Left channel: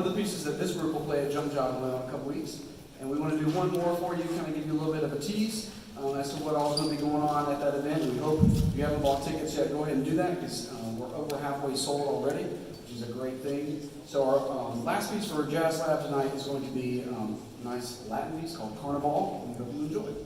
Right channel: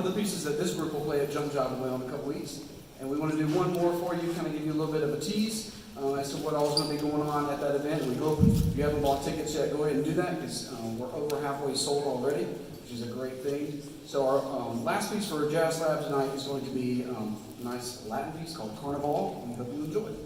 of the pieces that this group will play at Jump Job in a couple weeks. And we want to do one more for you, kind of give you a little bit of a tease as to what all is going to be going on at that event. We hope if you haven't bought tickets yet, go ahead and do that, because we're over halfway sold already, which is a great thing. So our last piece for Jazz Lab tonight is going to be a nice Latin piece called Carnival. We hope you enjoy it.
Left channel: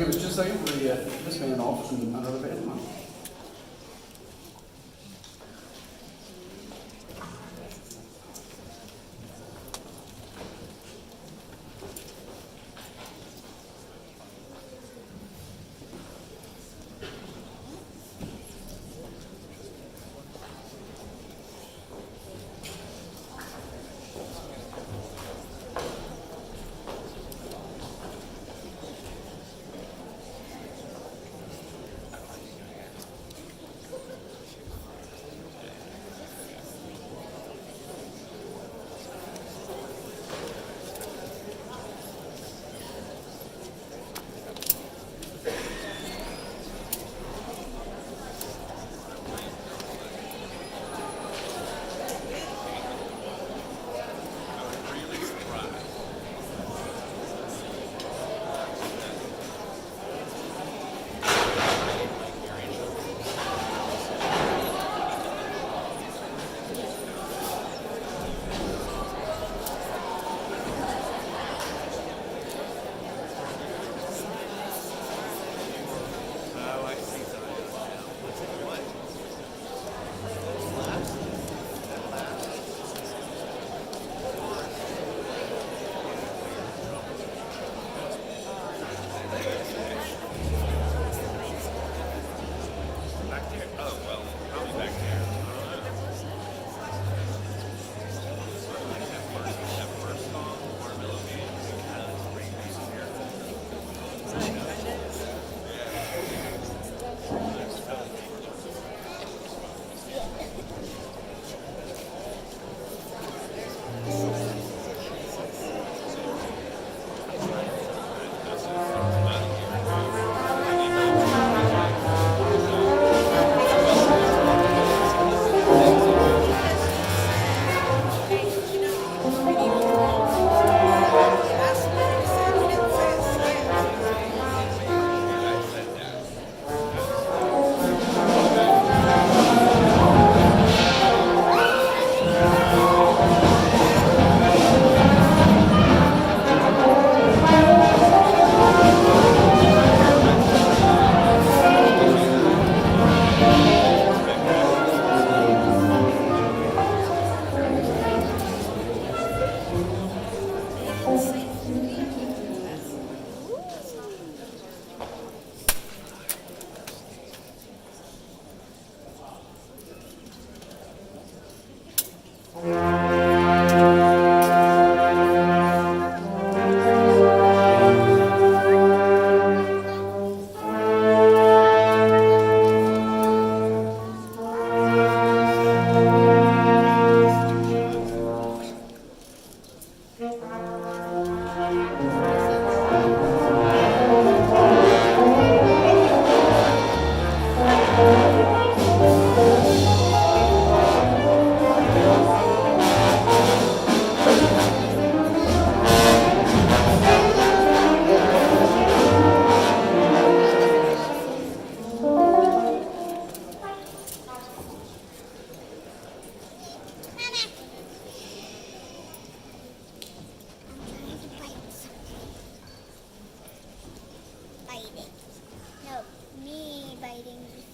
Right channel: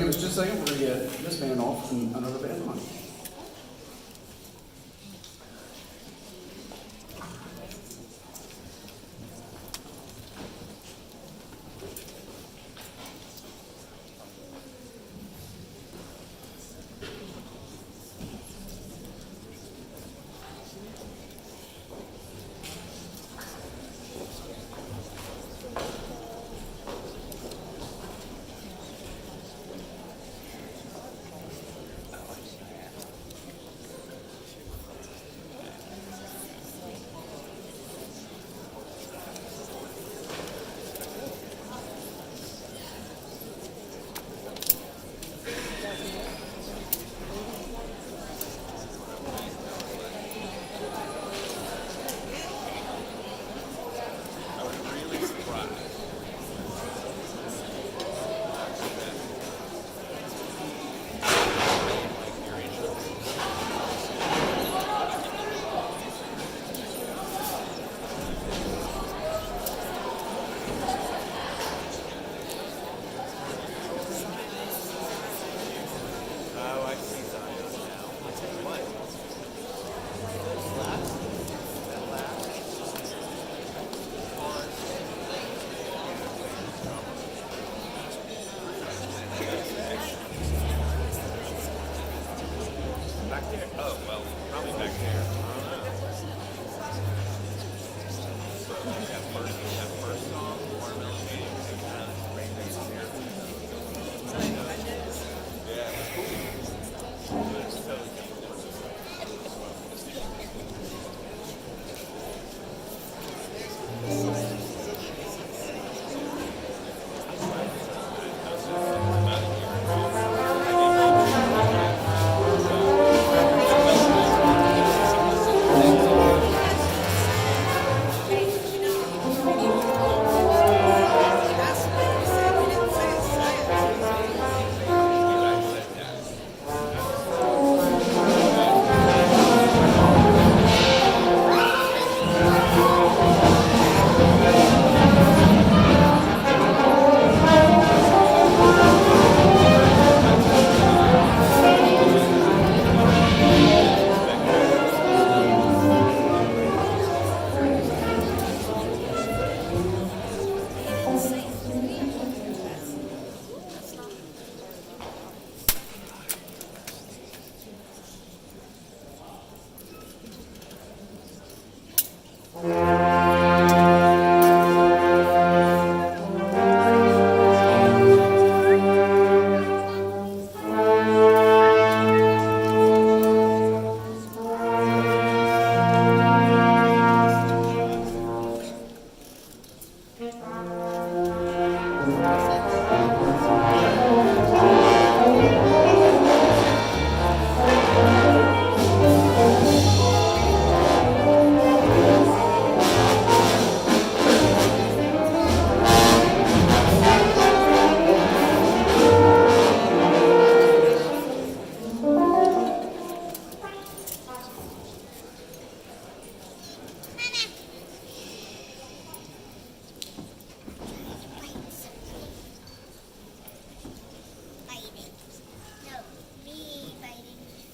give us just a second. We're going to get this band off and another band on.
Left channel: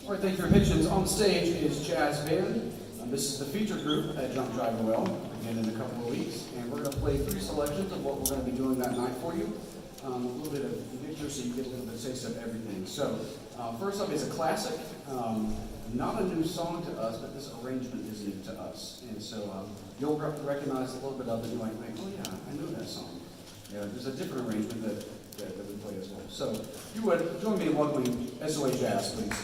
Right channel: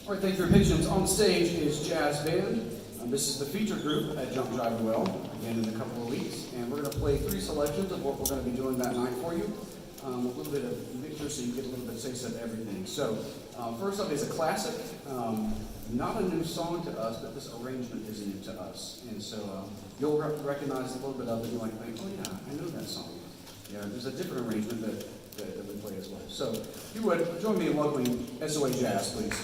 All right, thank you for your patience. On stage is Jazz Band. This is the featured group at Jump Jive Well, again in a couple of weeks. And we're going to play 3 selections of what we're going to be doing that night for you. A little bit of mixture so you get a little bit of taste of everything. So, first up is a classic. Not a new song to us, but this arrangement is new to us. And so you'll recognize a little bit of it. You might think, oh yeah, I know that song. Yeah, there's a different arrangement that we play as well. So, if you would, join me in welcoming SOA Jazz, please.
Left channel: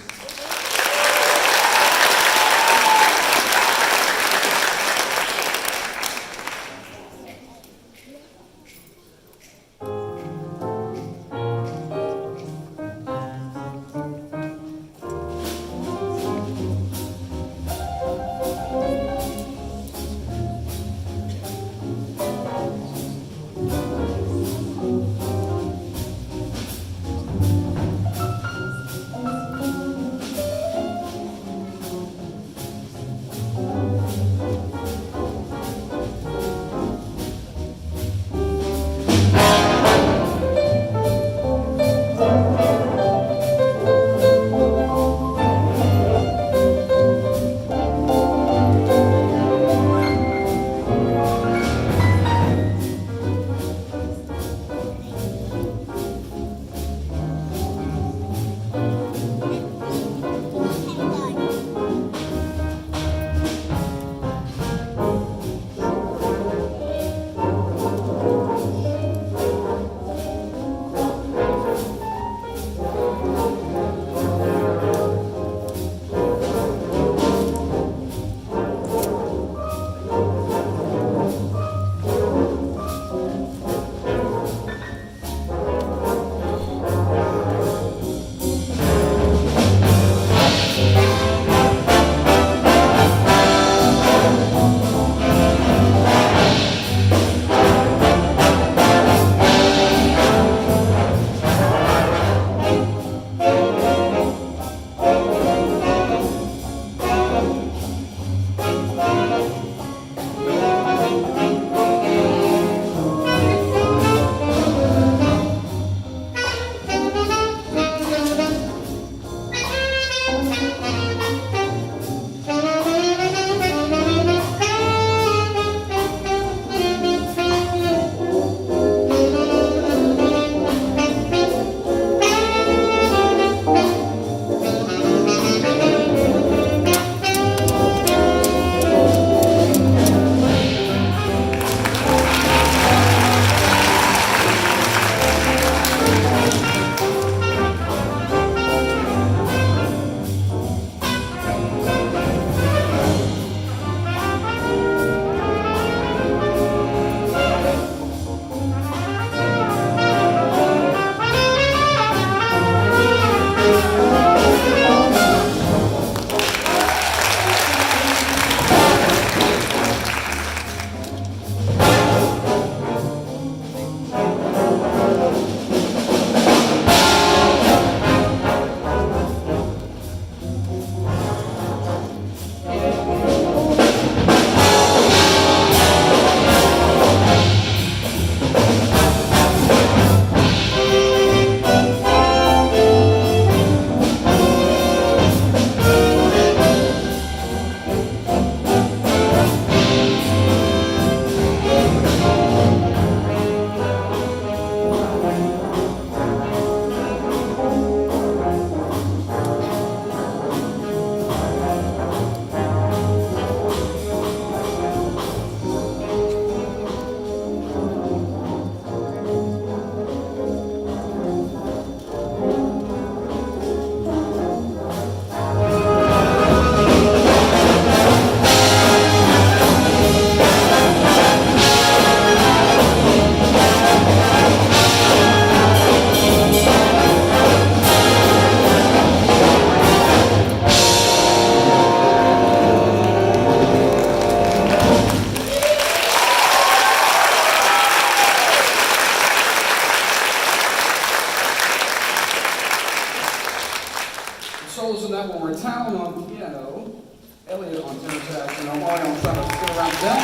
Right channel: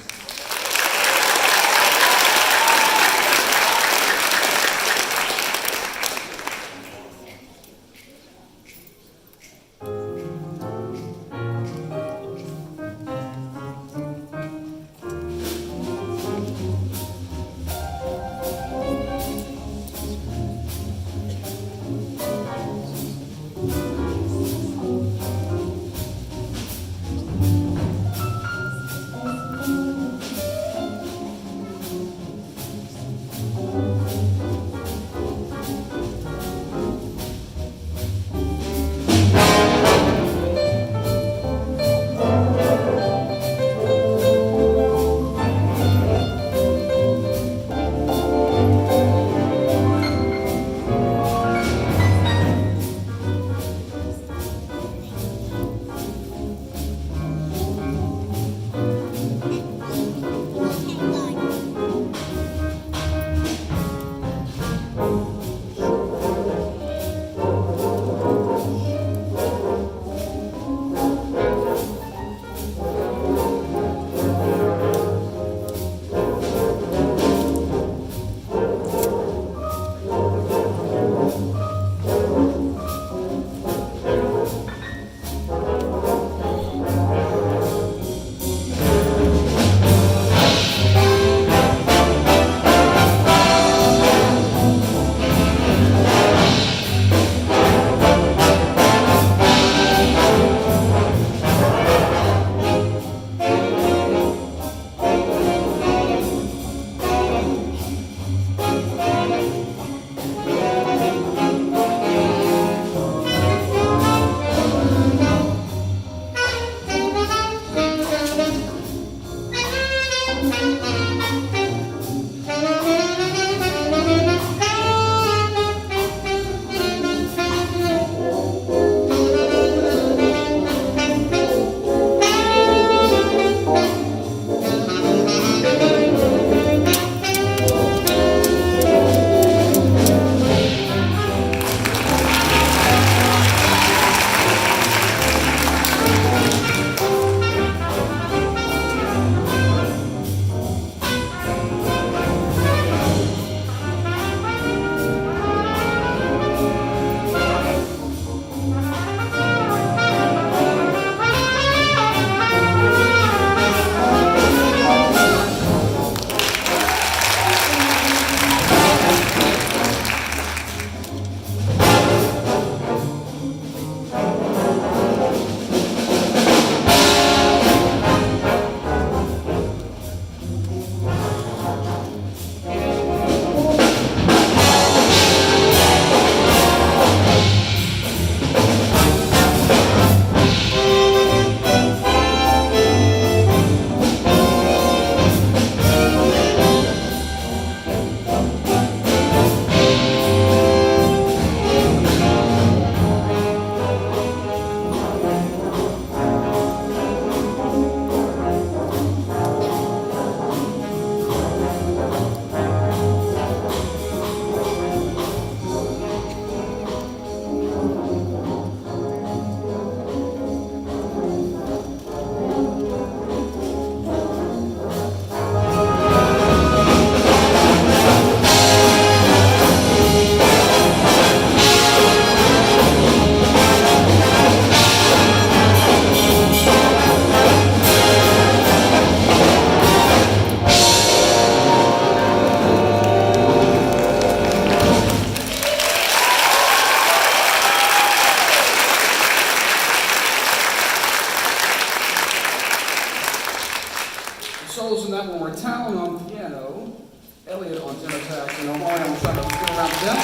You know, Mario, I'm trying to get around them.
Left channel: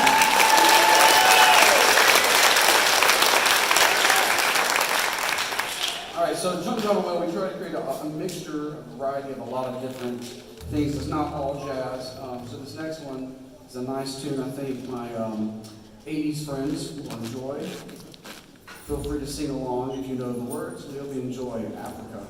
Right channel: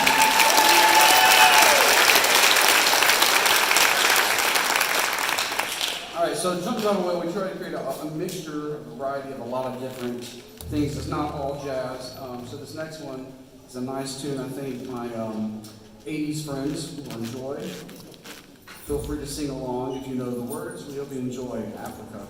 All right, so Jump Java Whale, we try to create a mixture, a variety of a lot of different things. It's not all jazz. So this next one is a nice tune. I think my 80s friends will enjoy. Feel free to sing along if you know the words. We hope you enjoy Africa.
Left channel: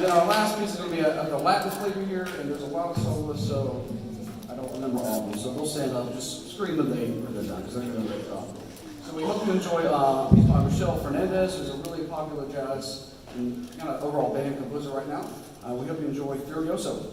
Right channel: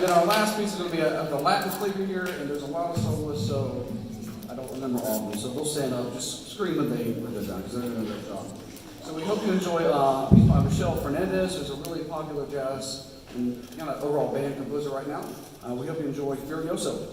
And then our last piece is going to be a Latin flavor here, and there's a lot of soloists, so I don't remember all of them. So they'll stand up, just scream when they're done, because they're doing a great job. So we hope you enjoy a piece by Michelle Fernandez, who's a really popular jazz and kind of overall band composer right now. We hope you enjoy Furioso.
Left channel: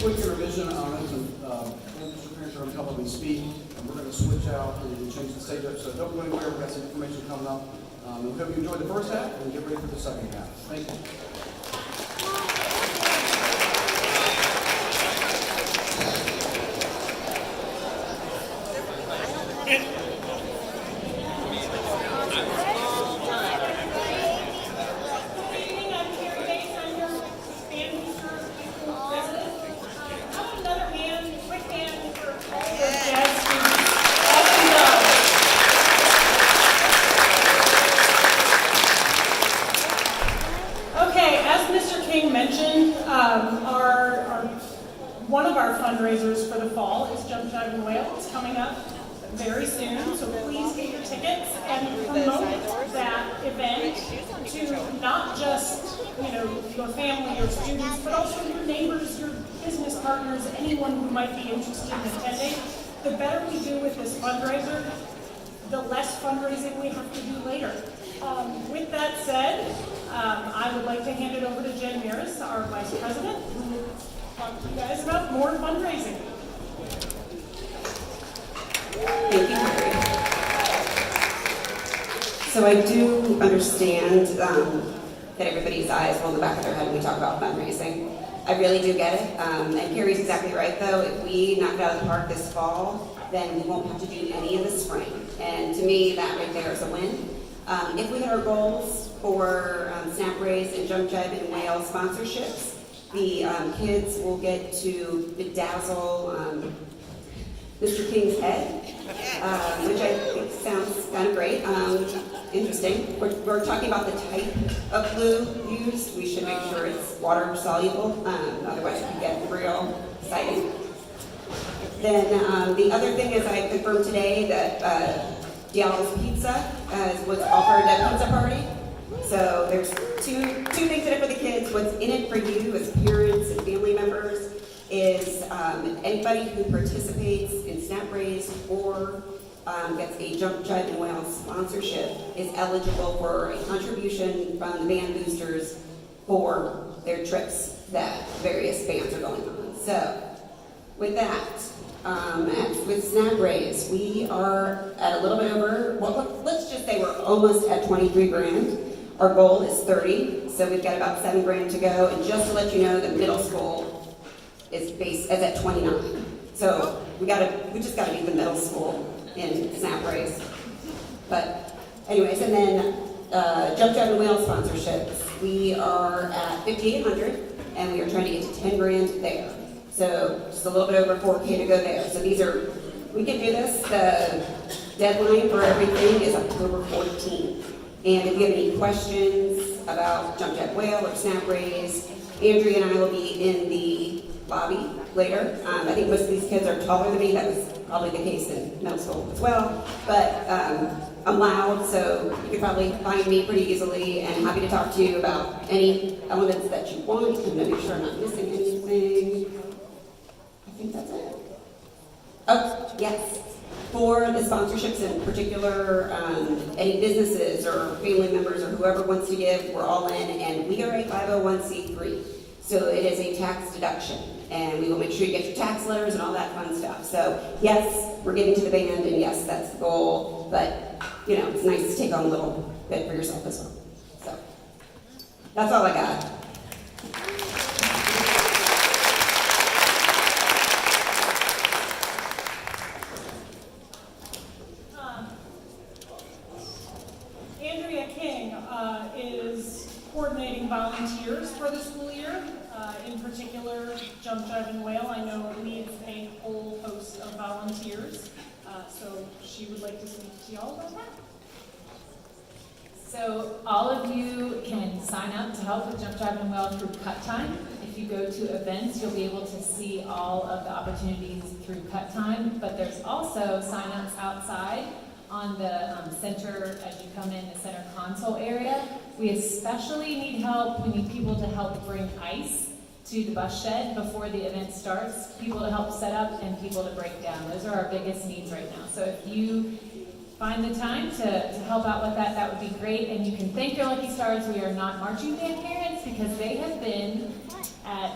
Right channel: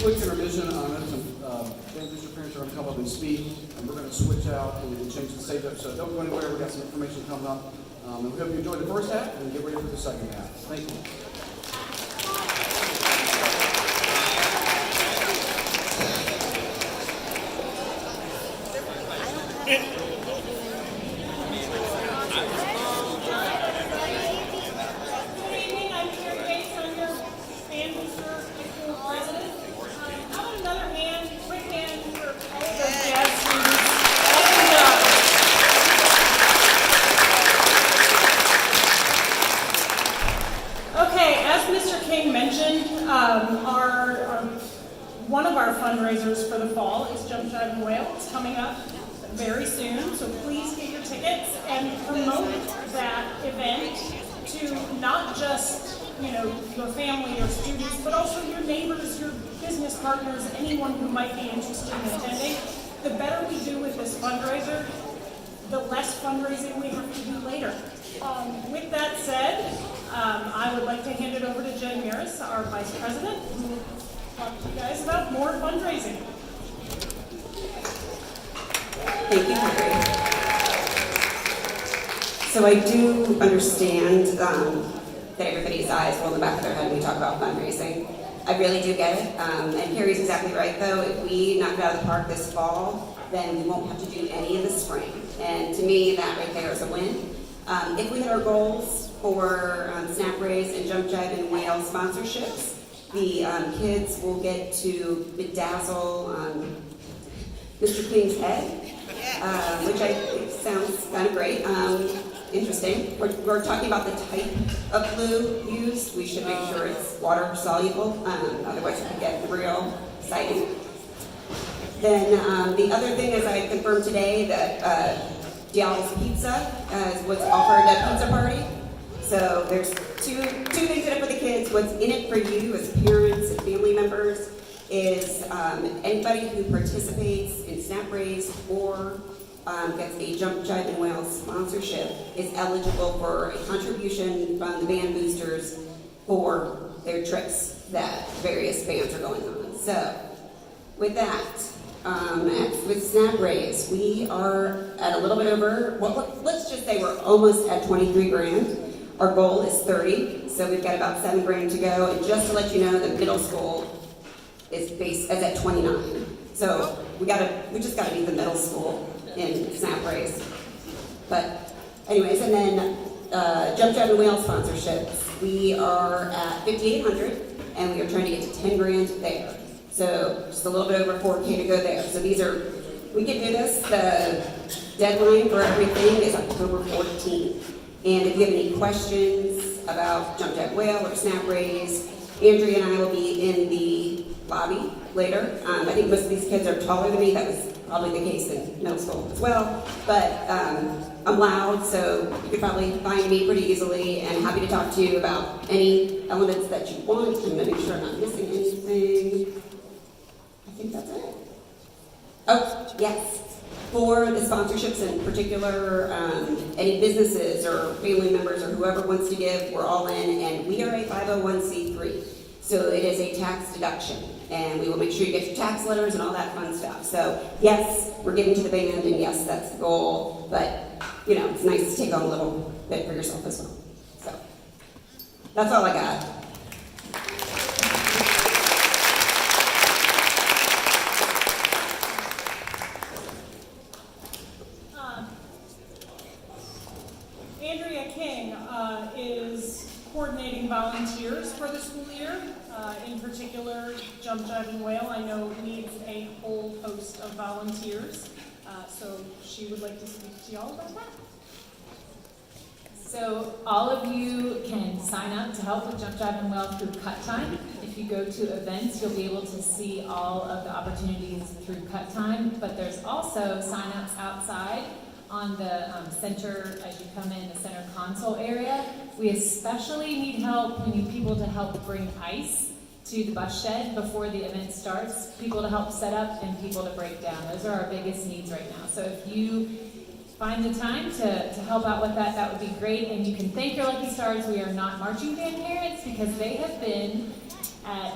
Quick intermission on it. Some Mr. Parents are going to come up and speak, and we're going to switch out and change the stage up. So don't go anywhere. We've got some information coming up. And we hope you enjoyed the first half and get ready for the second half. Thank you. Mentioned, one of our fundraisers for the fall is Jump, Jive, and Wail. It's coming up very soon, so please get your tickets and promote that event to not just your family, your students, but also your neighbors, your business partners, anyone who might be interested in attending. The better we do with this fundraiser, the less fundraising we have to do later. With that said, I would like to hand it over to Jen Meares, our Vice President, who will talk to you guys about more fundraising. Thank you, Carrie. So I do understand that everybody's eyes roll in the back of their head when we talk about fundraising. I really do get it. And Carrie's exactly right, though. If we knock it out of the park this fall, then we won't have to do any in the spring. And to me, that right there is a win. If we hit our goals for Snap Raise and Jump, Jive, and Wail sponsorships, the kids will get to bedazzle Mr. King's head, which I think sounds kind of great. Interesting. We're talking about the type of glue used. We should make sure it's water soluble, otherwise it can get real exciting. Then the other thing is I confirmed today that Diallo's Pizza was offered at Pizza Party. So there's two things in it for the kids. What's in it for you as parents and family members is anybody who participates in Snap Raise or gets a Jump, Jive, and Wail sponsorship is eligible for a contribution from the band boosters for their trips that various bands are going on. So with that, with Snap Raise, we are at a little bit over, well, let's just say we're almost at 23 grand. Our goal is 30, so we've got about 7 grand to go. And just to let you know, the middle school is at 29. So we just gotta beat the middle school in Snap Raise. But anyways, and then Jump, Jive, and Wail sponsorships. We are at 5,800, and we are trying to get to 10 grand there. So just a little bit over 4K to go there. So we can do this. The deadline for everything is October 14th. And if you have any questions, about Jump Jab Whale or Snap Raise. Andrea and I will be in the lobby later. I think most of these kids are taller than me. That was probably the case in middle school as well. But I'm loud, so you could probably find me pretty easily, and happy to talk to you about any elements that you want. I'm going to make sure I'm not missing anything. I think that's it. Oh, yes. For the sponsorships in particular, any businesses or family members or whoever wants to give, we're all in, and we are a 501c3. So it is a tax deduction, and we will make sure you get your tax letters and all that fun stuff. So yes, we're giving to the band, and yes, that's the goal, but you know, it's nice to take on a little bit for yourself as well. So that's all I got. Andrea King is coordinating volunteers for the school year. In particular, Jump Jive and Whale, I know, needs a whole host of volunteers. So she would like to speak to y'all about that. So all of you can sign up to help with Jump Jive and Whale through Cut Time. If you go to events, you'll be able to see all of the opportunities through Cut Time. But there's also sign-ups outside on the center, as you come in, the center console area. We especially need help. We need people to help bring ice to the bus shed before the event starts, people to help set up, and people to break down. Those are our biggest needs right now. So if you find the time to help out with that, that would be great. And you can thank your Lucky Stars. We are not marching band parents because they have been at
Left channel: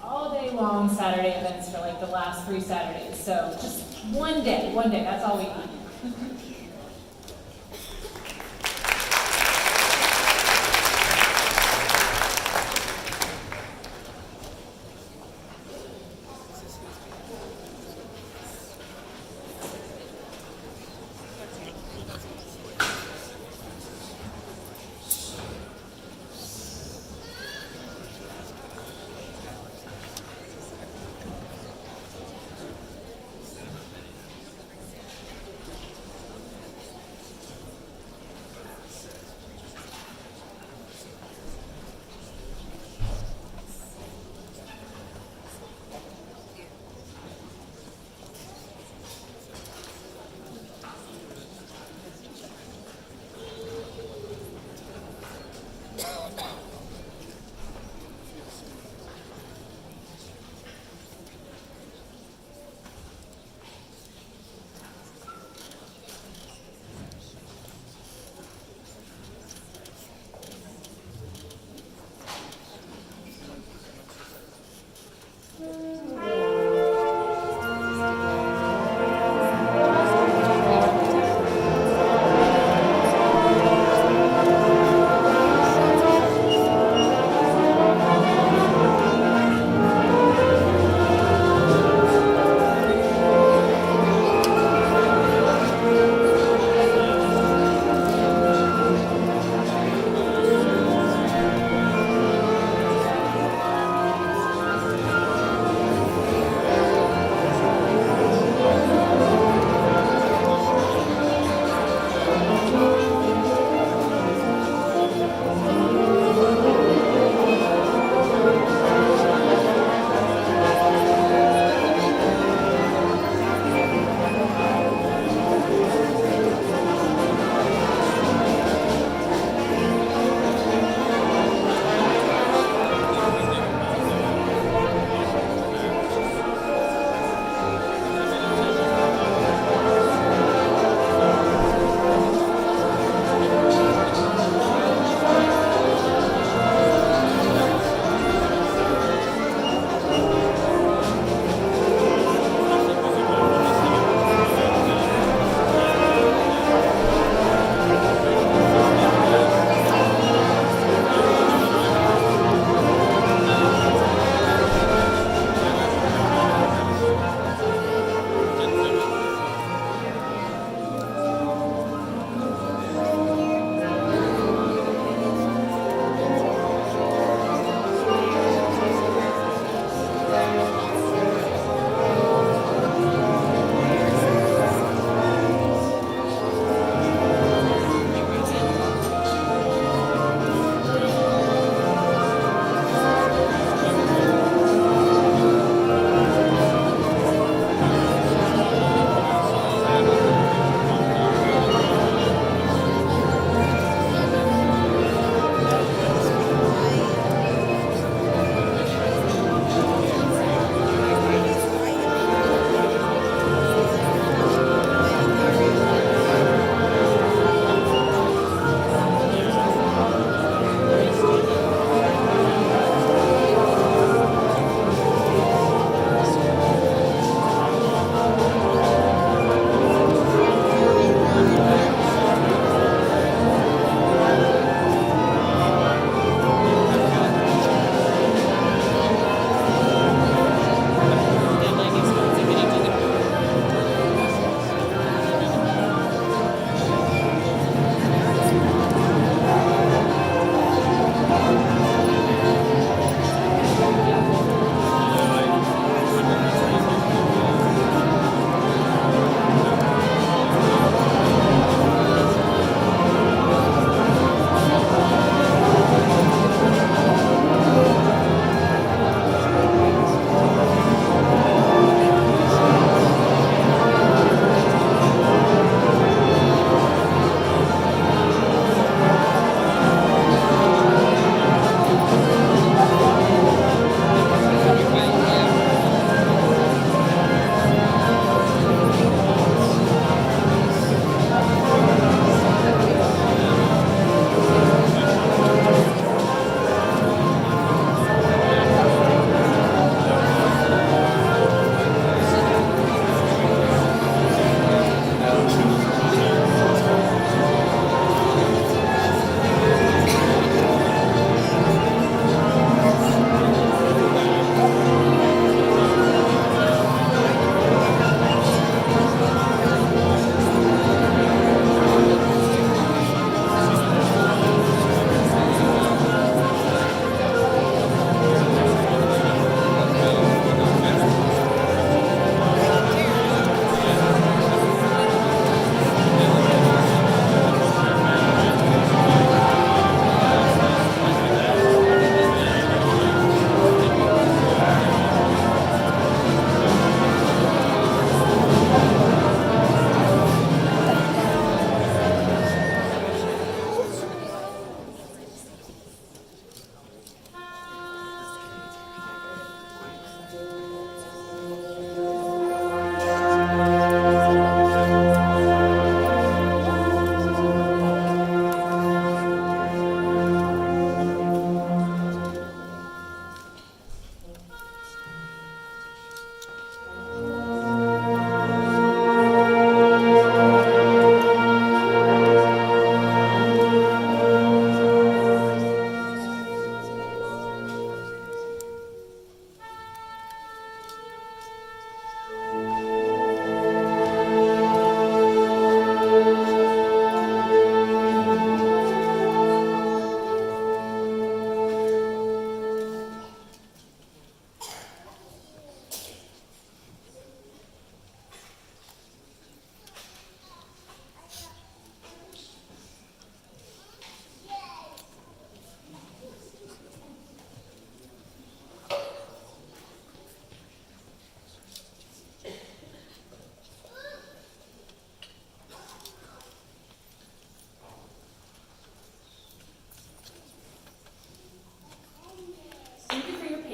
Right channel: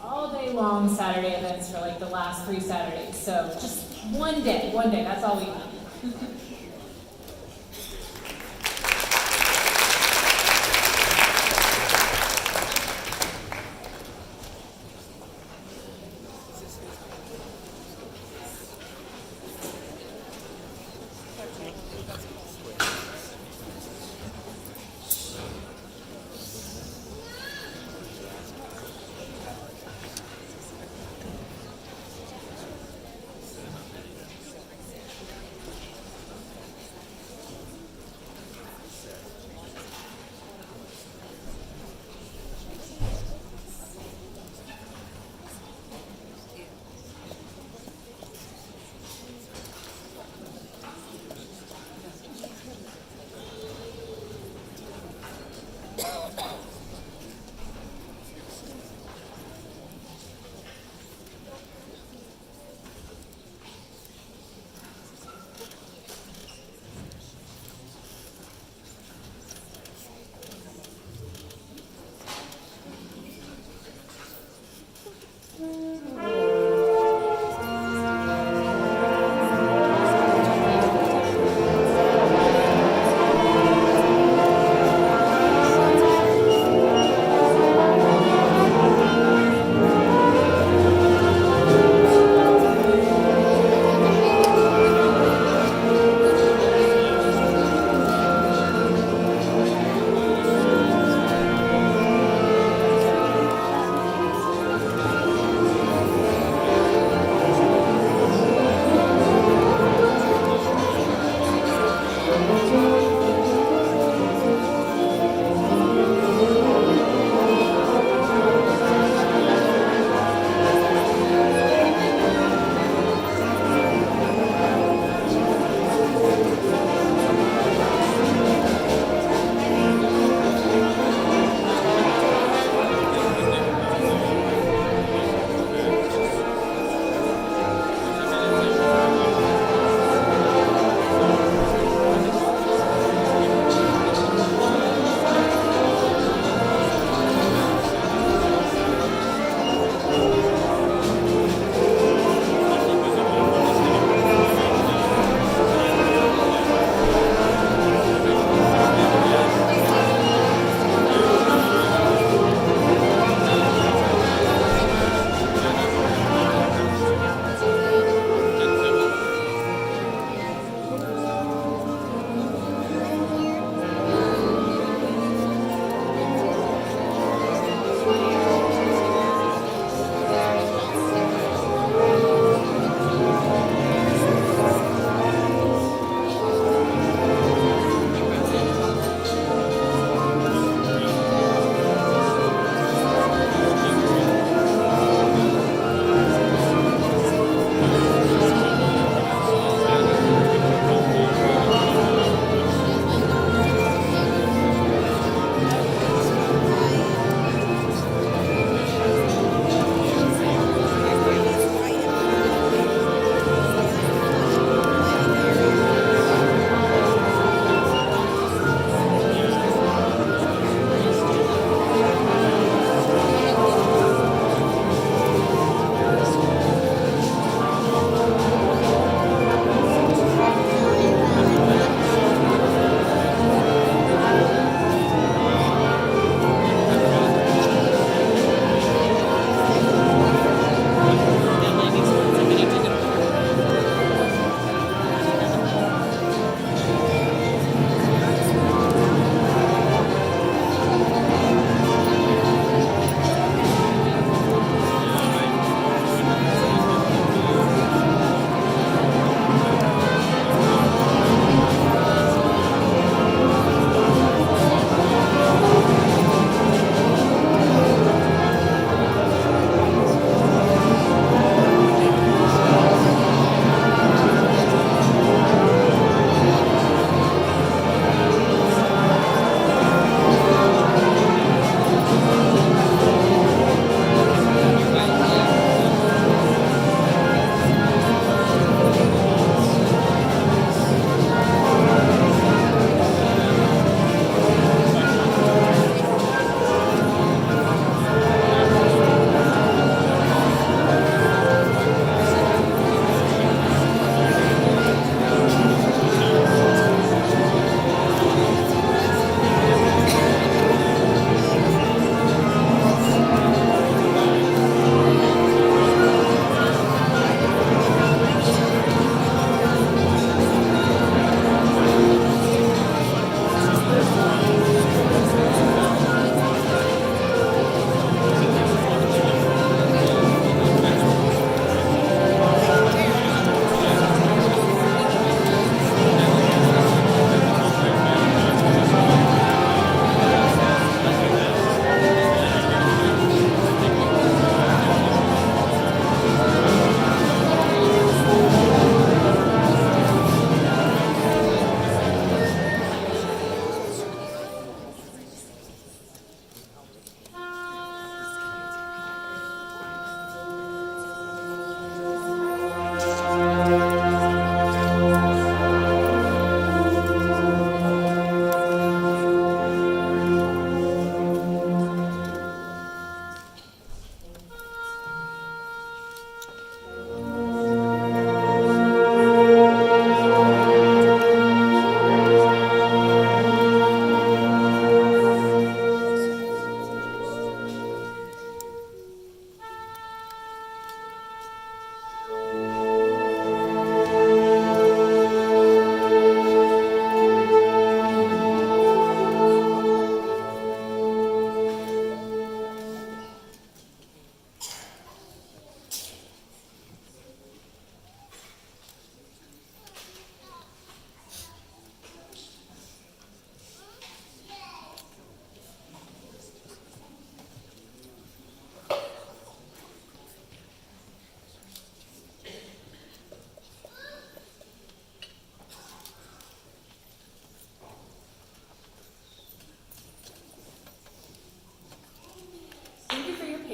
all day long Saturday events for like the last 3 Saturdays. So just one day, that's all we need.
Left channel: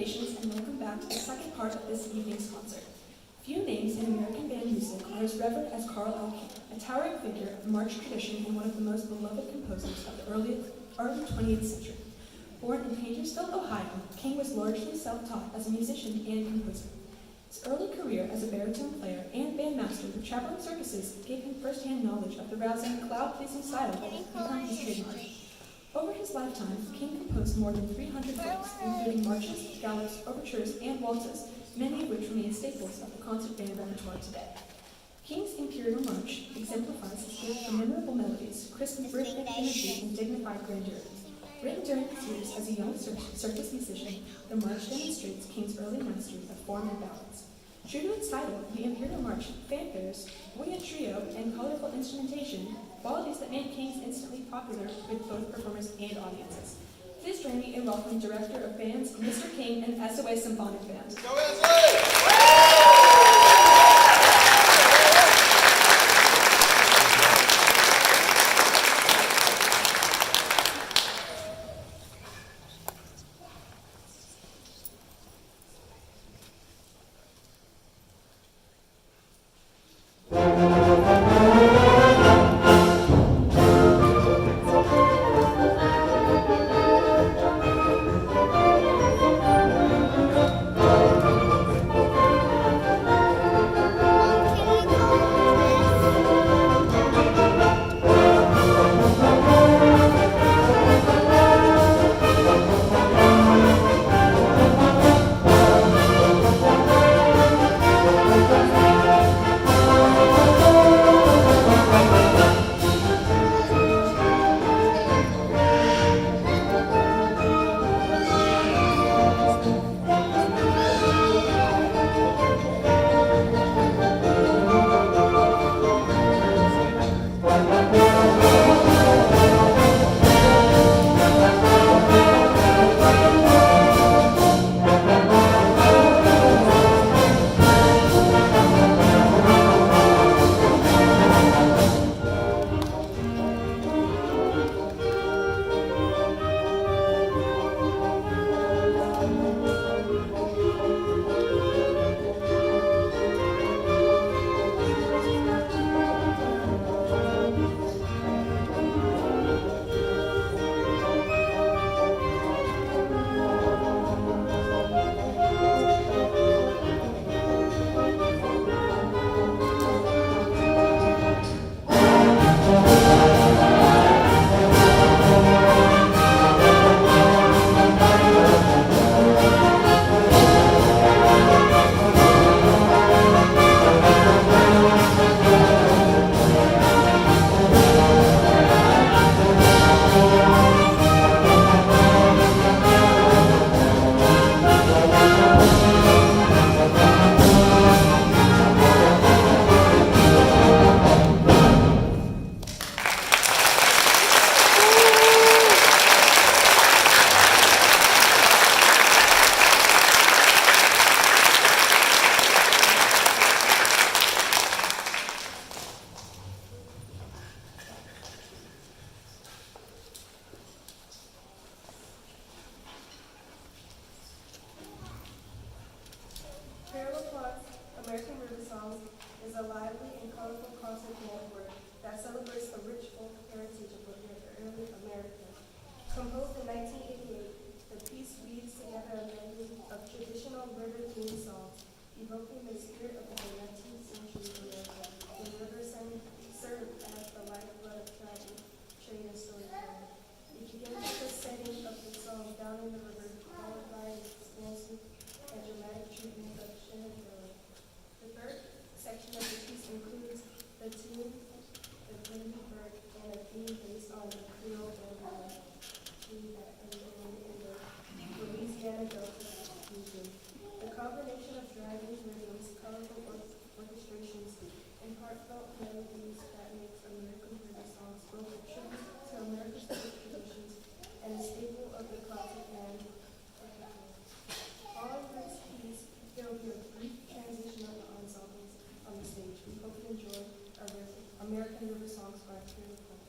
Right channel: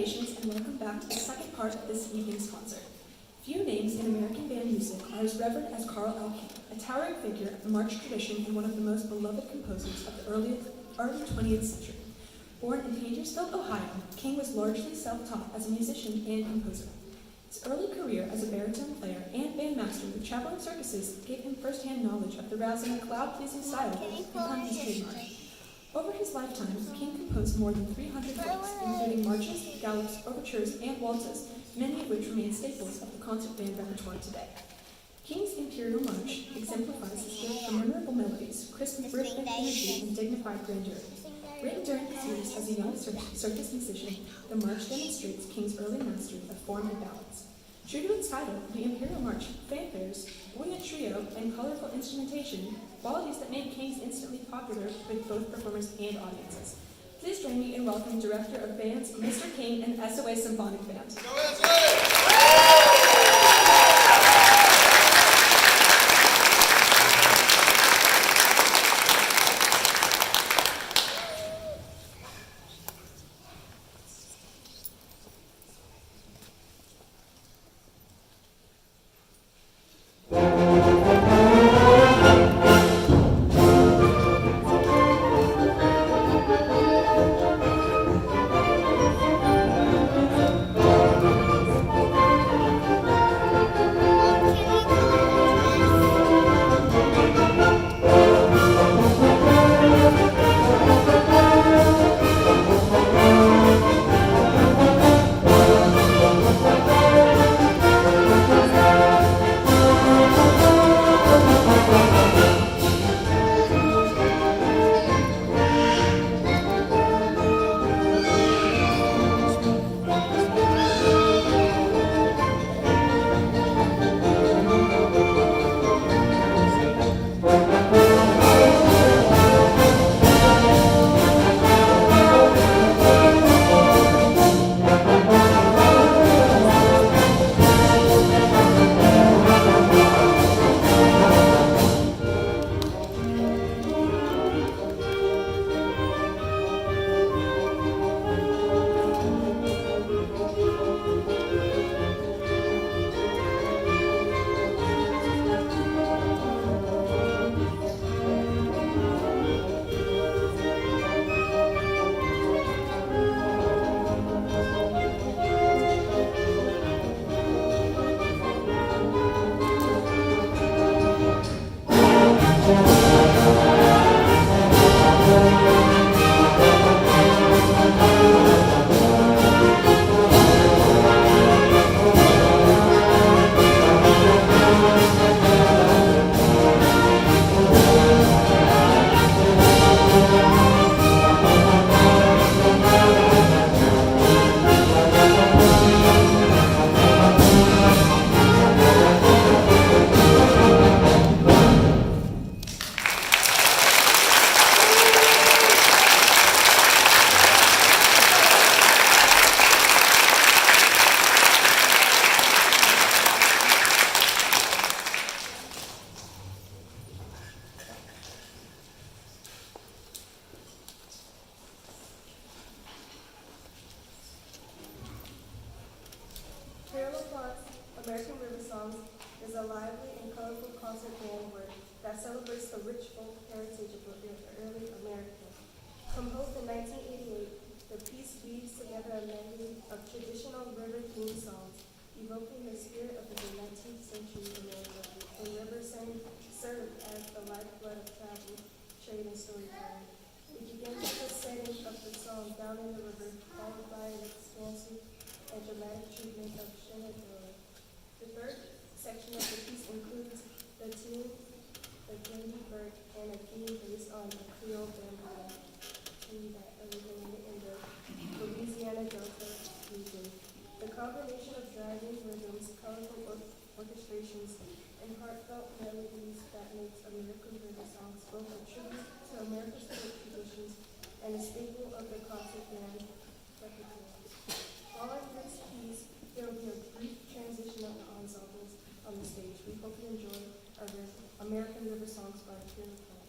patience and welcome back to the second part of this evening's concert. Few names in American band music are as revered as Carl L. King, a towering figure of the march tradition and one of the most beloved composers of the early 20th century. Born in Paintersville, Ohio, King was largely self-taught as a musician and composer. His early career as a baritone player and bandmaster with traveling circuses gave him first-hand knowledge of the rousing, cloud-pleasing style that has become his trademark. Over his lifetime, King composed more than 300 works, including marches, galops, overtures, and waltzes, many of which remain staples of the concert band repertoire today. King's Imperial March exemplifies his gift for memorable melodies, crisp rhythmic energy, and dignified grandeur. Written during his years as a young circus musician, the march demonstrates King's early mastery of form and balance. True to its title, the Imperial March, fanfares, buoyant trio, and colorful instrumentation, qualities that made King's instantly popular with both performers and audiences. Please join me in welcoming Director of Bands, Mr. King, and SOA Symphonic Band. American River Songs is a lively and colorful concert band work that celebrates the rich folk heritage of the early America. Composed in 1988, the piece weaves together a medley of traditional river-themed songs, evoking the spirit of the 19th century America, when rivers served as the lifeblood of travel, trade, and storytelling. It begins with the setting of the song Down in the River, followed by an expansive and dramatic treatment of Shenandoah. The third section of the piece includes the tune, the Candy Bird, and a theme based on the Creole bamboo tree that originated in the Louisiana Delta region. The combination of driving rhythms, colorful orchestrations, and heartfelt melodies that makes American River Songs both a tribute to America's folk traditions and a staple of the concert band repertoire. Following this piece, there will be a brief transition of the ensembles on the stage. We hope you enjoy our American River Songs by Pure Play.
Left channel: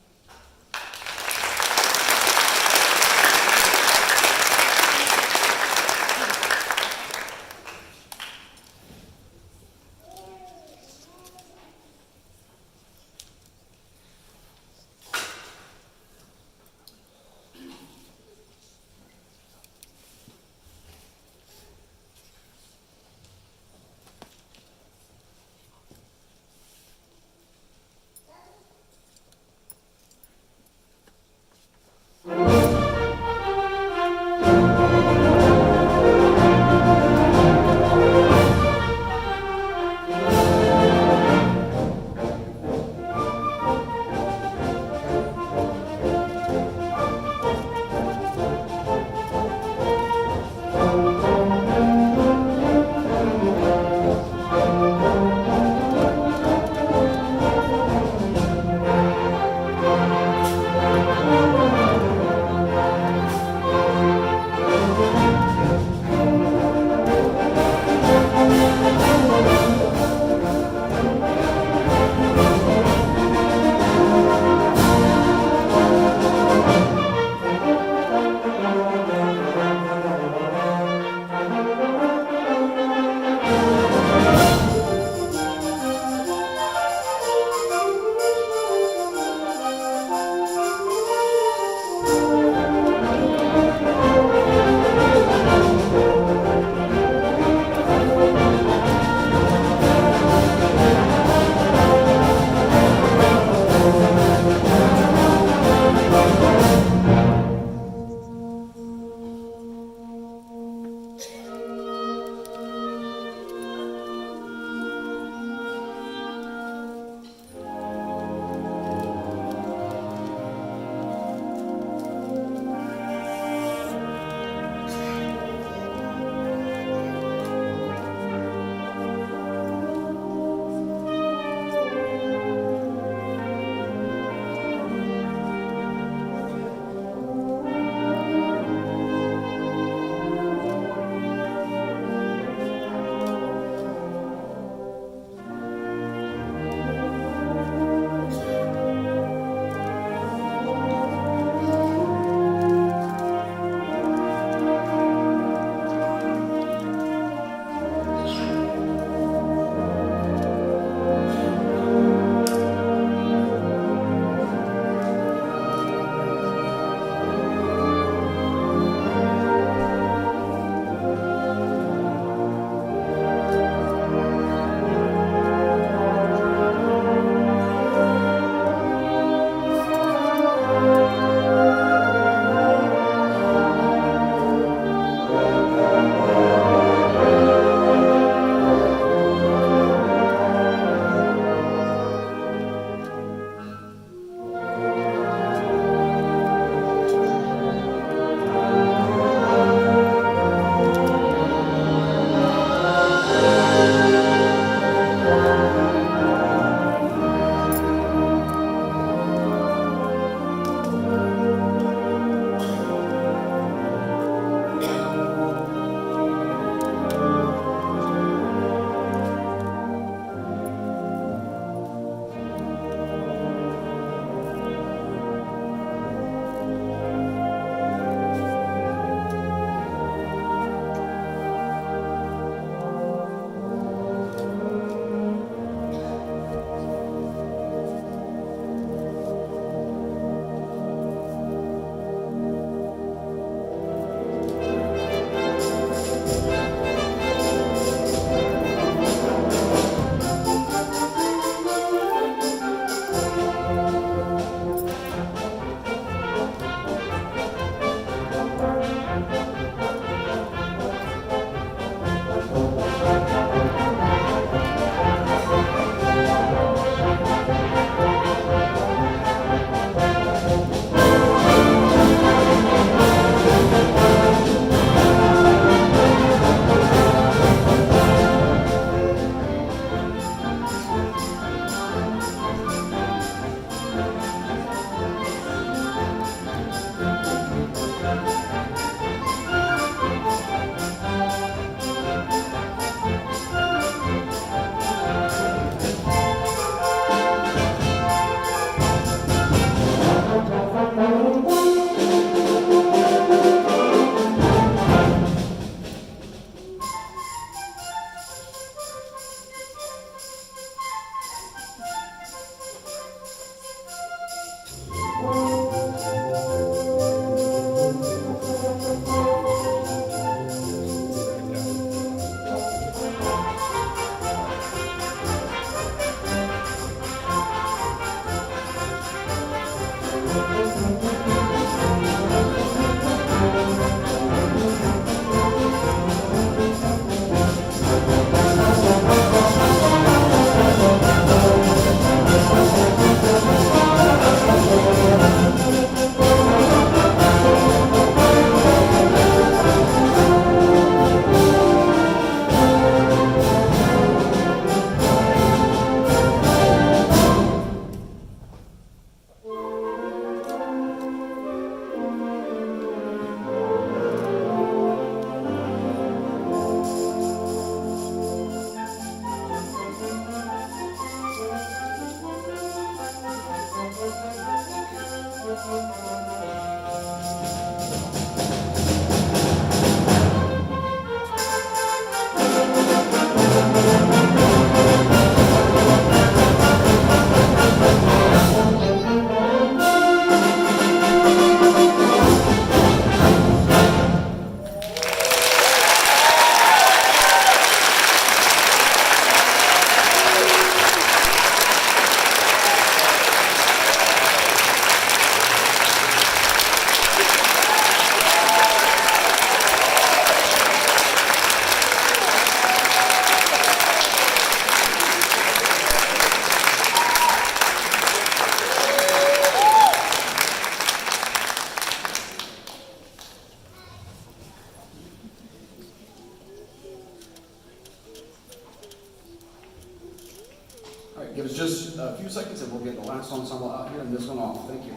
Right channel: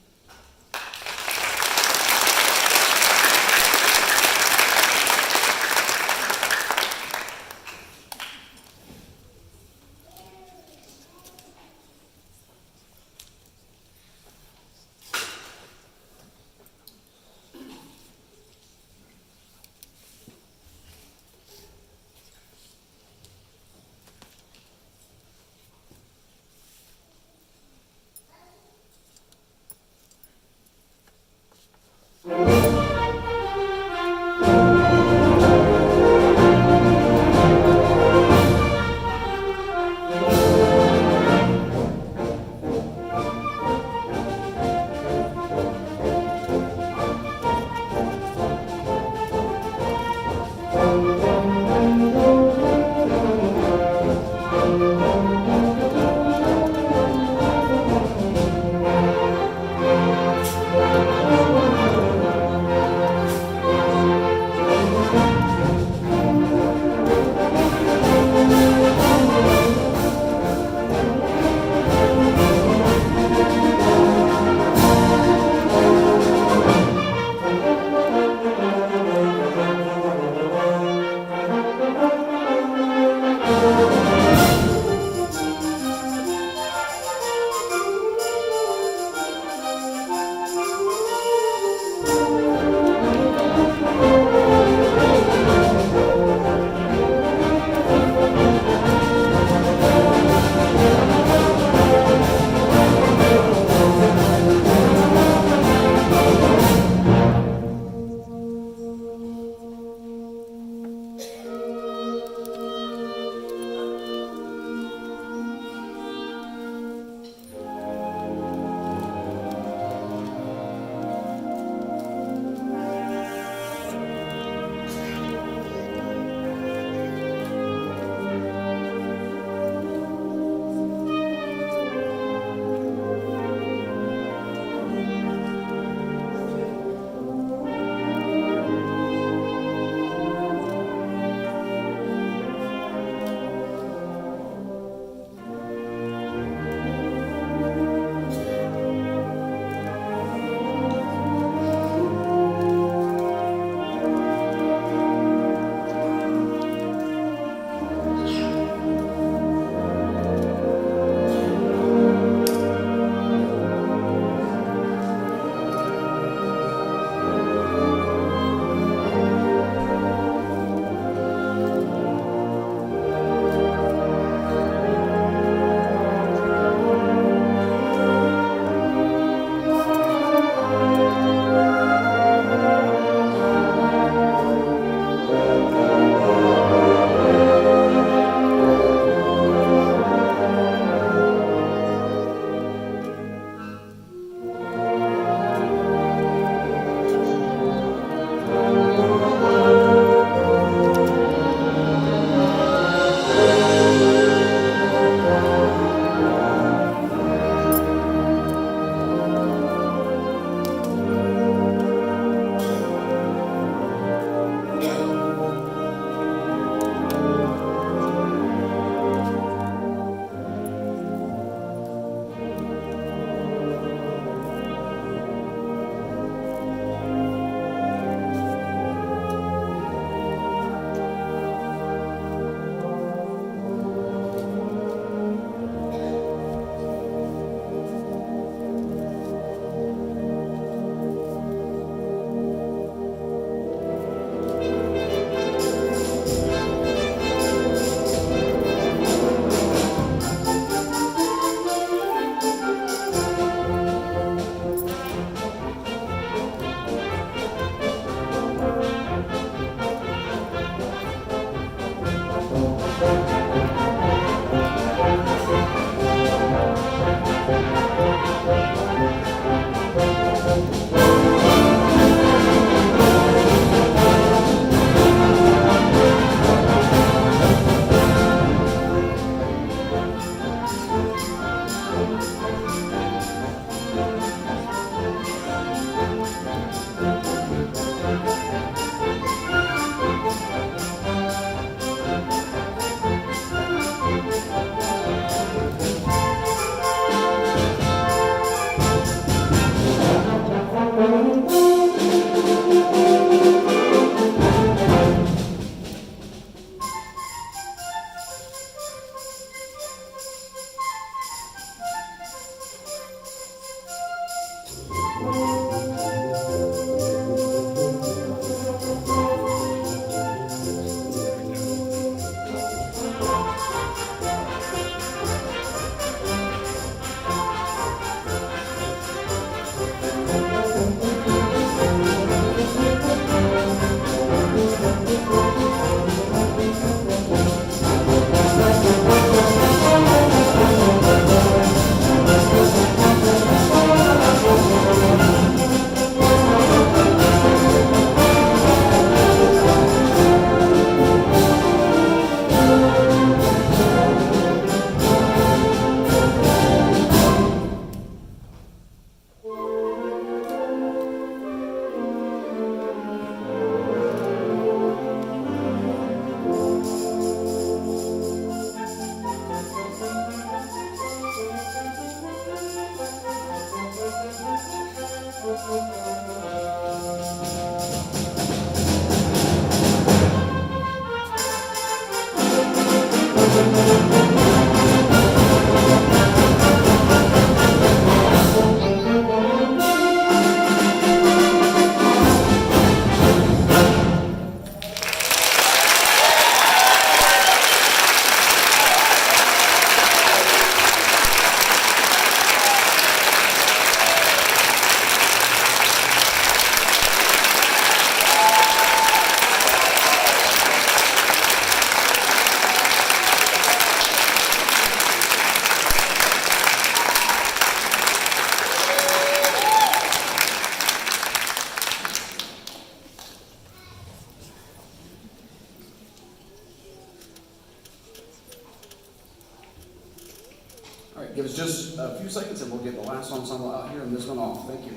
Great. Give us just a few seconds and we'll get the last ensemble out here and this one off. Thank you.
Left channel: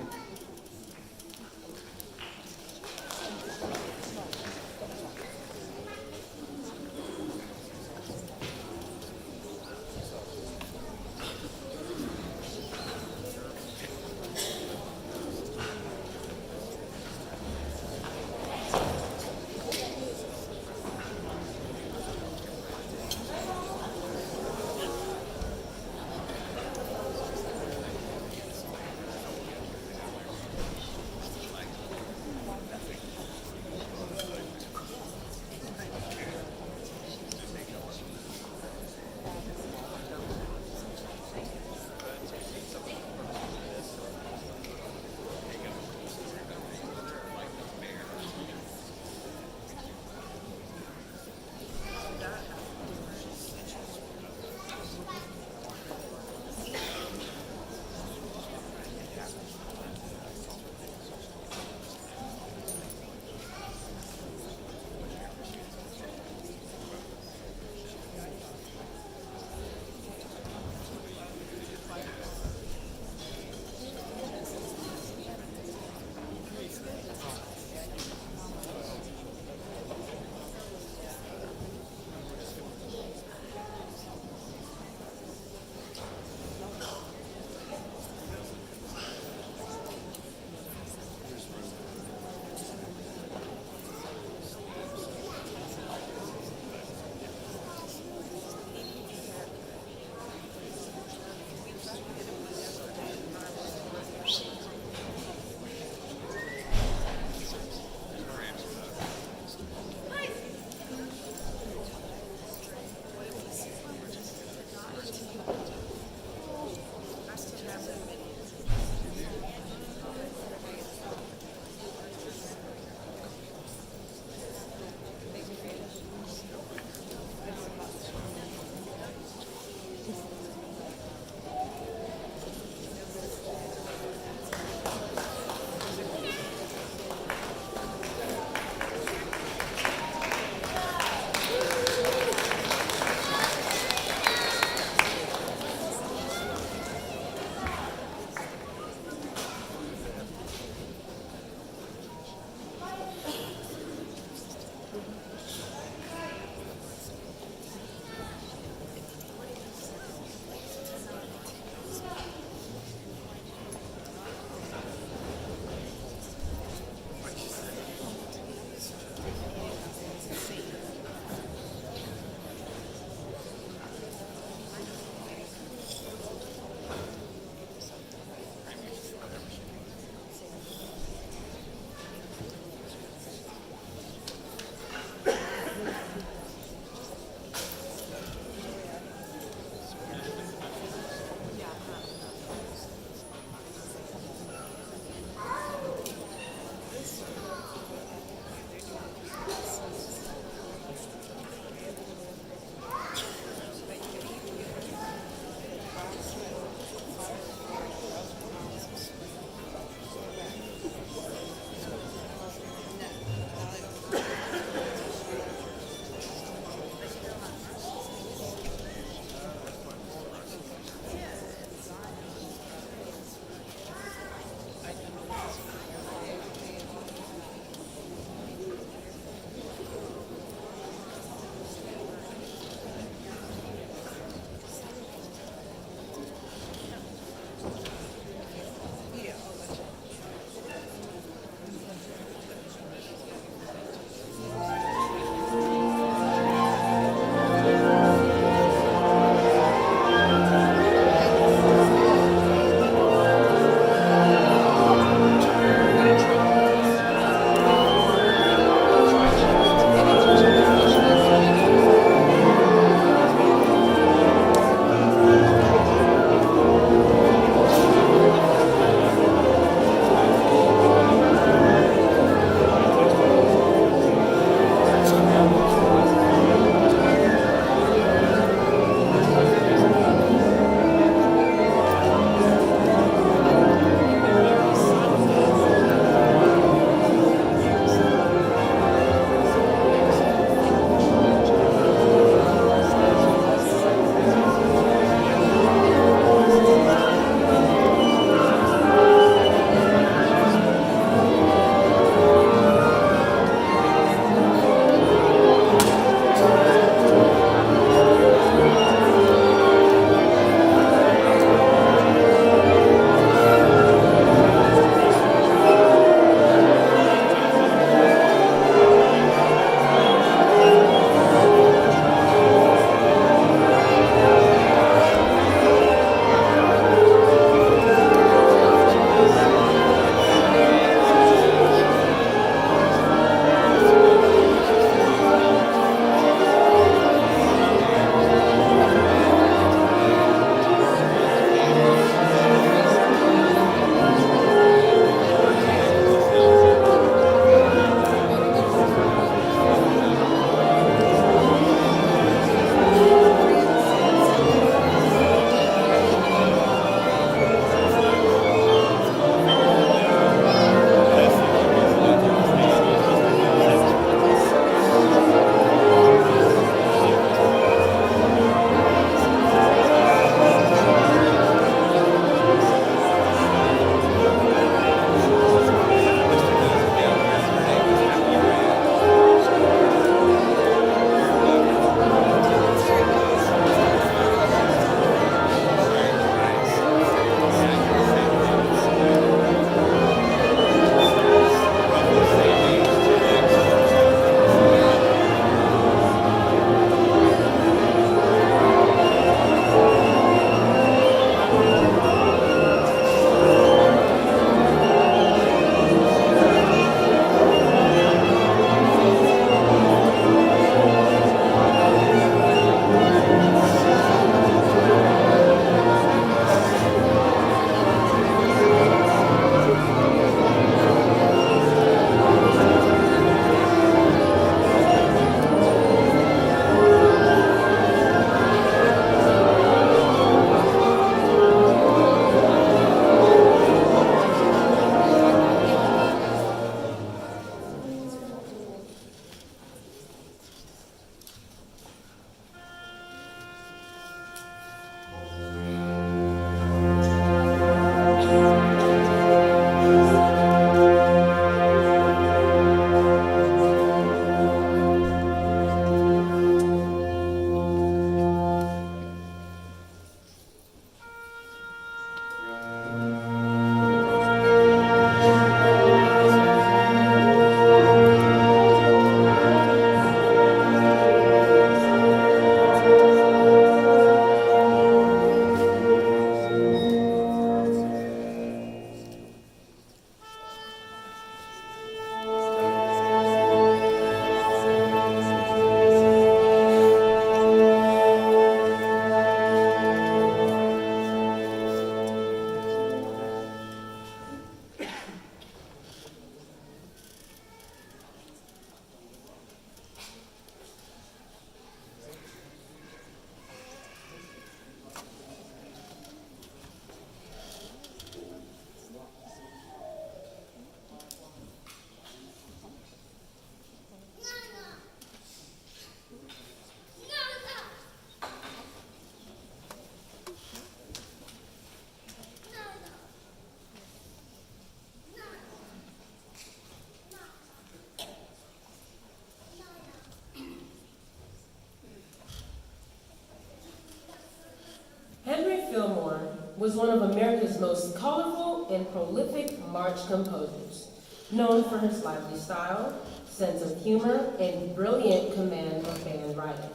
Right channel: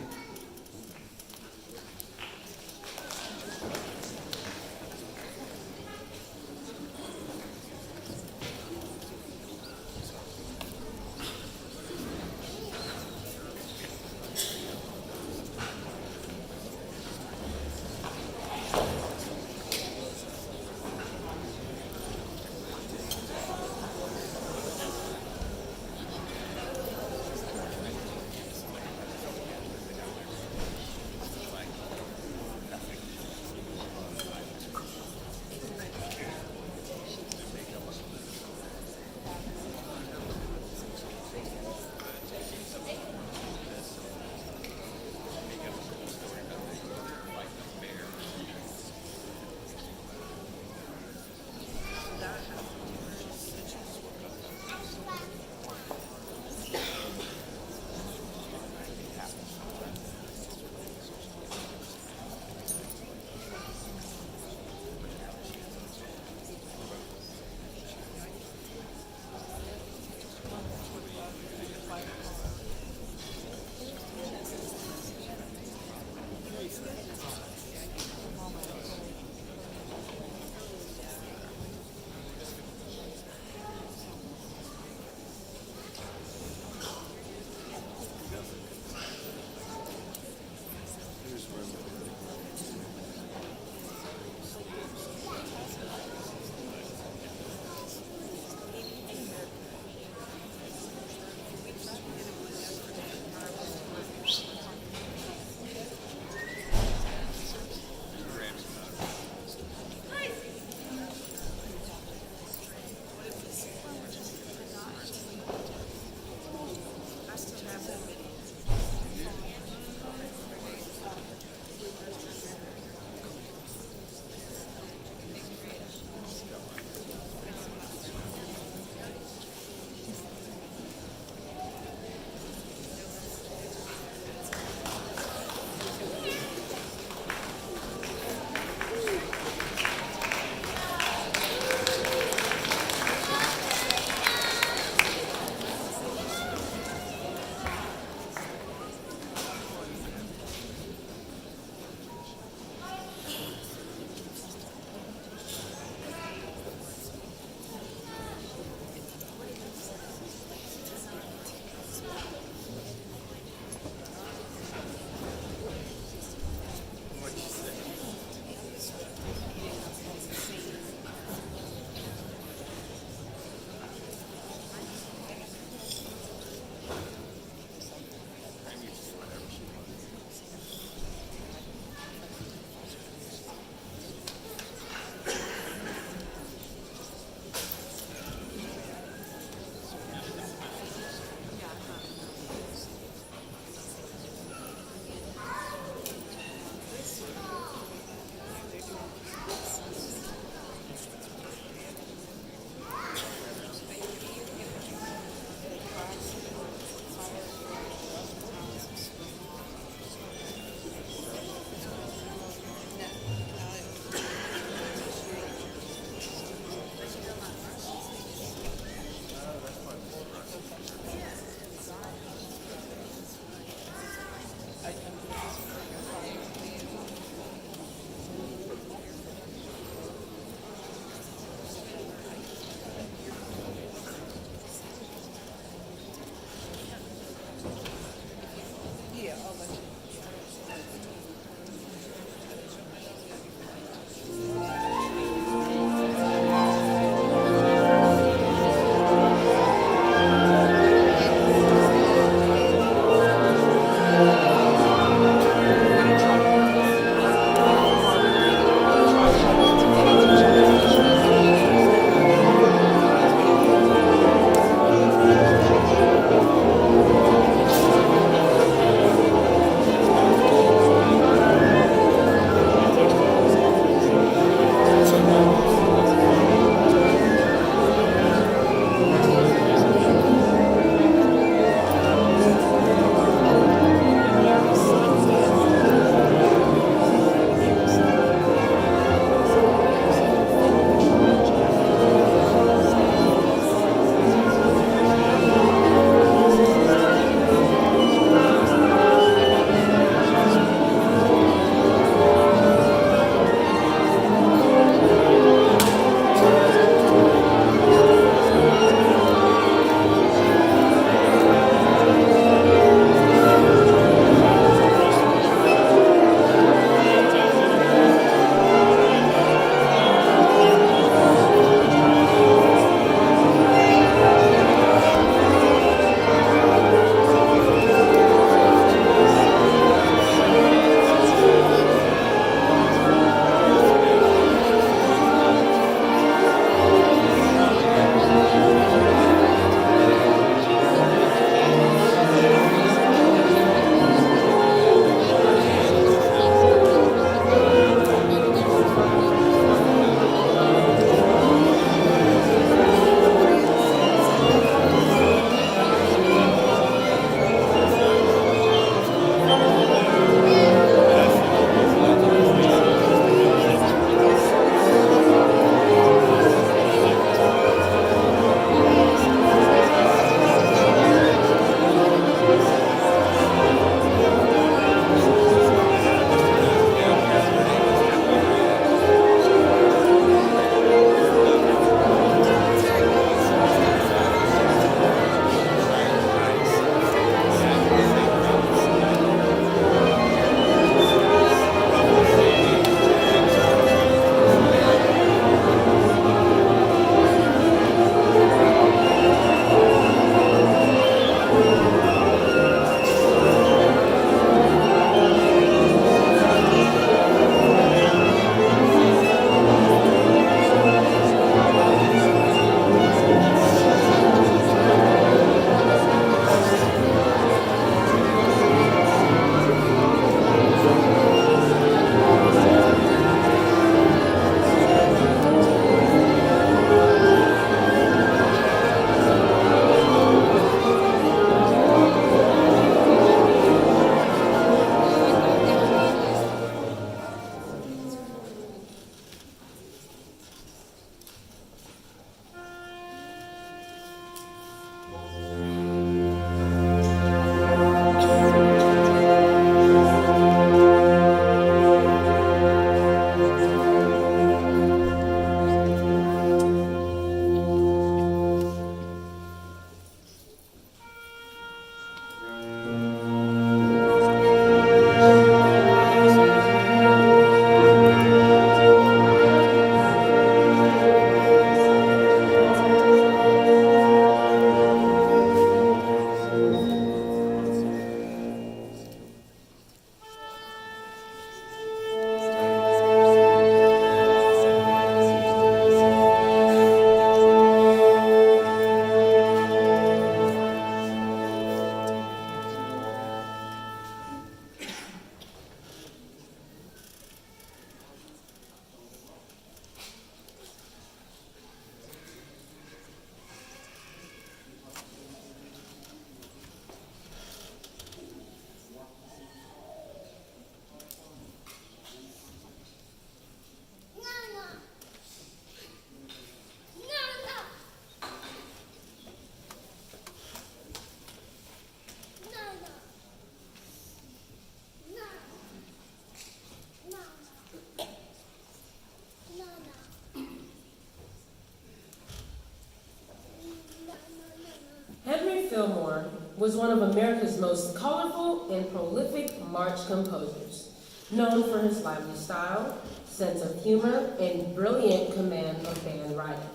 was one of America's most colorful and prolific march composers, known for his lively style, sense of humor, and brilliant command of band writing.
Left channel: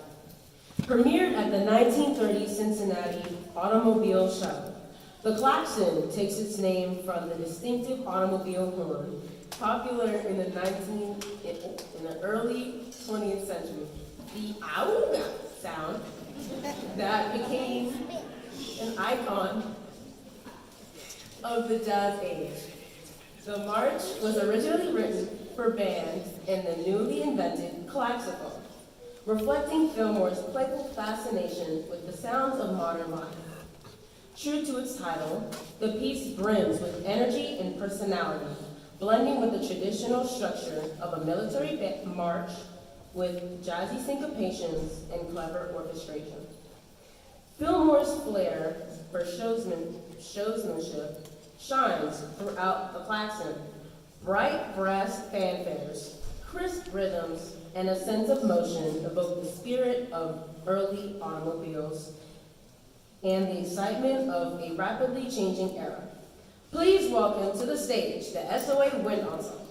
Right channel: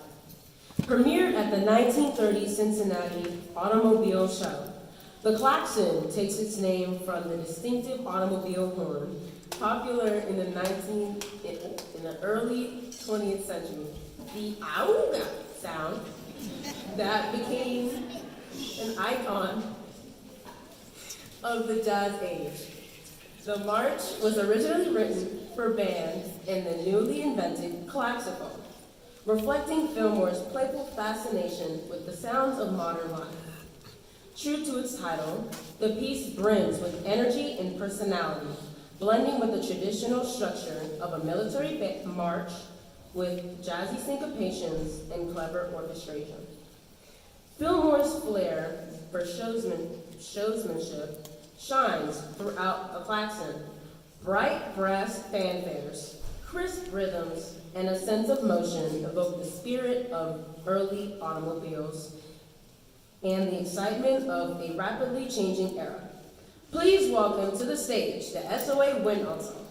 Premiered at the 1930 Cincinnati Automobile Show, the klaxon takes its name from the distinctive automobile horn, popular in the early 20th century. The auga sound that became an icon of the jazz age. The march was originally written for bands and the newly invented klaxophone, reflecting Fillmore's playful fascination with the sounds of modern life. True to its title, the piece brims with energy and personality, blending with the traditional structure of a military march with jazzy syncopations and clever orchestration. Fillmore's flair for showsmanship shines throughout the klaxon. Bright brass fanfares, crisp rhythms, and a sense of motion evoke the spirit of early automobiles and the excitement of a rapidly changing era. Please welcome to the stage the SOA Wind Ensemble.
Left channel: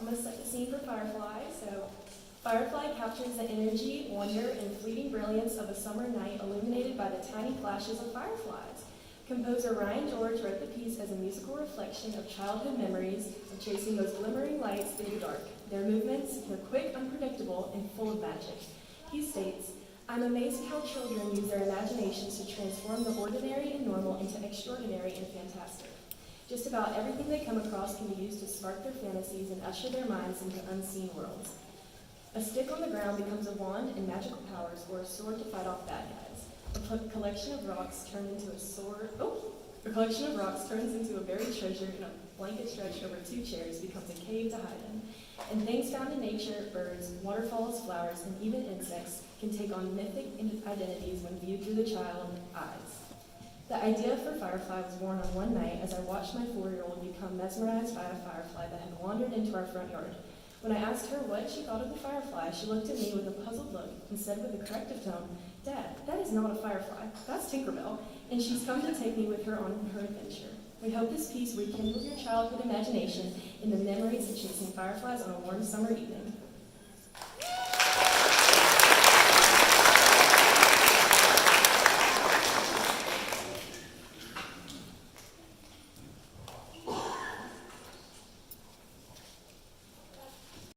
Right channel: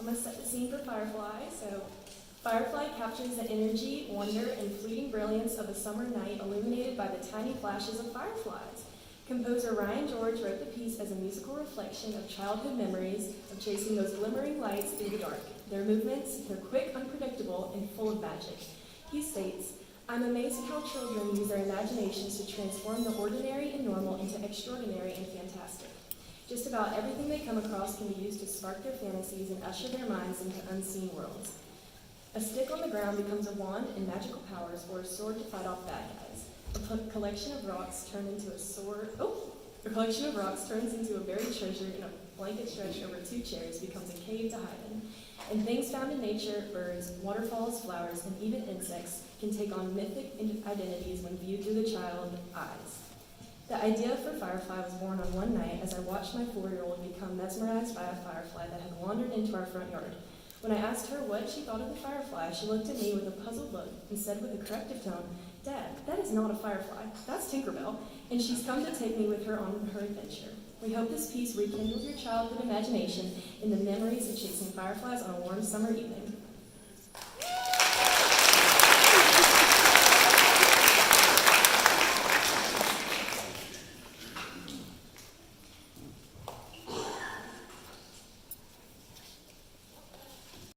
I'm going to set the scene for Firefly. So, Firefly captures the energy, wonder, and fleeting brilliance of a summer night illuminated by the tiny flashes of fireflies. Composer Ryan George wrote the piece as a musical reflection of childhood memories of chasing those glimmering lights through the dark. Their movements, they're quick, unpredictable, and full of magic. He states, I'm amazed at how children use their imaginations to transform the ordinary and normal into extraordinary and fantastic. Just about everything they come across can be used to spark their fantasies and usher their minds into unseen worlds. A stick on the ground becomes a wand and magical powers, or a sword to fight off bad guys. A collection of rocks turns into a sword. A collection of rocks turns into a buried treasure, and a blanket stretched over 2 chairs becomes a cave to hide in. And things found in nature, birds, waterfalls, flowers, and even insects, can take on mythic identities when viewed through the child's eyes. The idea for Firefly was born on one night as I watched my 4-year-old become mesmerized by a firefly that had wandered into our front yard. When I asked her what she thought of the firefly, she looked at me with a puzzled look and said with a corrective tone, Dad, that is not a firefly, that's Tinkerbell, and she's come to take me with her on her adventure. We hope this piece rekindles your childhood imagination in the memories of chasing fireflies on a warm summer evening.